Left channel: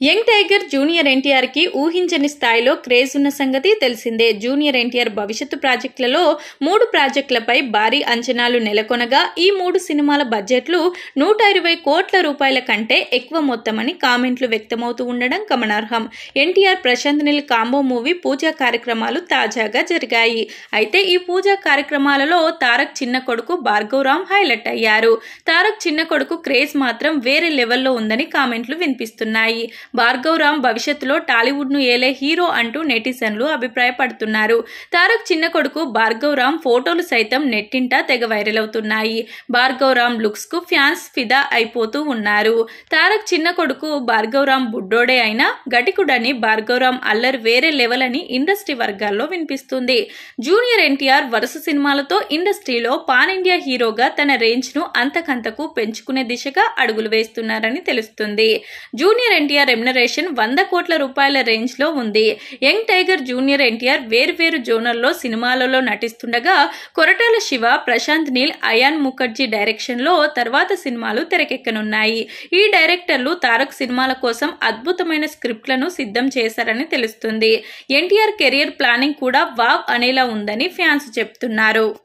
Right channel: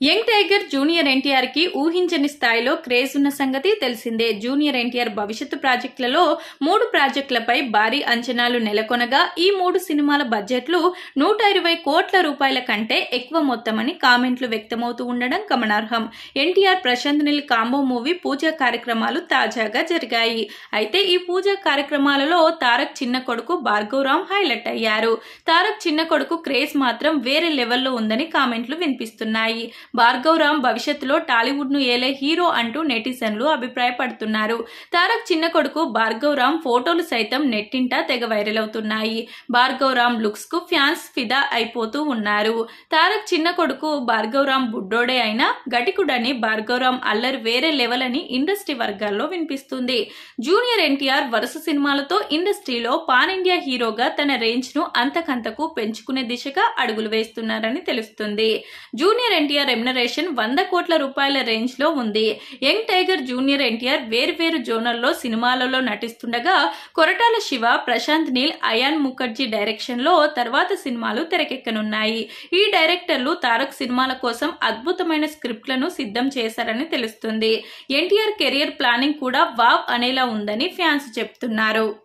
Young tiger junior NTR కి ఊహించని స్థాయిలో క్రేజ్ ఉన్న సంగతి తెలిసిందే. జూనియర్ ఎన్టీఆర్ భవిష్యత్తు ప్రాజెక్టులలో 3 ప్రాజెక్టులపై భారీ అంచనాలు నెలకొనగా ఈ 3 సినిమాల బడ్జెట్లు 120 కోట్ల రూపాయల కంటే ఎక్కువ మొత్తమని కామెంట్లు వ్యక్తమవుతూ ఉండడం గమనార్హం. ఎన్టీఆర్ ప్రశాంత్ నీల్ కాంబో మూవీ పూజా కార్యక్రమాలు తాజాగా జరిగాయి. అయితే ఈ పూజా కార్యక్రమాలలో తారక్ చిన్న కొడుకు భార్గవ్ రామ్ హైలైట్ అయ్యారు. తారక్ చిన్న కొడుకు క్రేజ్ మాత్రం వేరే లెవెల్లో ఉందని కామెంట్లు వినిపిస్తున్నాయి. భార్గవ్ రామ్ భవిష్యత్తులో టాలీవుడ్ ను ఏలే హీరో అంటూ నెటిజన్లు అభిప్రాయపడుతున్నారు. తారక్ చిన్న కొడుకు భార్గవ్ రామ్ ఫోటోలు సైతం నెట్టింట తెగ వైరల్ అవుతున్నాయి. భార్గవ్ రామ్ లుక్స్ కు ఫ్యాన్స్ ఫిదా అయిపోతూ ఉన్నారు. తారక్ చిన్న కొడుకు భార్గవ్ రామ్ బుడ్డోడే అయినా గటికుడని భార్గవ్ రామ్ అల్లరి వేరే లెవెల్ అని ఇండస్ట్రీ వర్గాల్లో వినిపిస్తుంది. జూనియర్ ఎన్టీఆర్ వరుస సినిమాలతో ఇండస్ట్రీలో పాన్ ఇండియా హీరోగా తన రేంజ్ ను అంతకంతకు పెంచుకునే దిశగా అడుగులు వేస్తున్నారని తెలుస్తుంది. జూనియర్ ఎన్టీఆర్ రెమ్యునరేషన్ 100 కోట్ల రూపాయల రేంజ్ లో ఉంది. యంగ్ టైగర్ జూనియర్ ఎన్టీఆర్ వేర్వేరు జోనర్లో సినిమాలలో నటిస్తుండగా కొరటాల శివ, ప్రశాంత్ నీల్, అయాన్ ముఖర్జీ డైరెక్షన్ లో తర్వాత సినిమాలు తెరకెక్కనున్నాయి. ఈ డైరెక్టర్లు తారక్ సినిమాల కోసం అద్భుతమైన స్క్రిప్ట్లను సిద్ధం చేశారని తెలుస్తుంది. ఎన్టీఆర్ కెరియర్ ప్లానింగ్ కూడా వావ్ అనేలా ఉందని ఫ్యాన్స్ చెప్తున్నారు.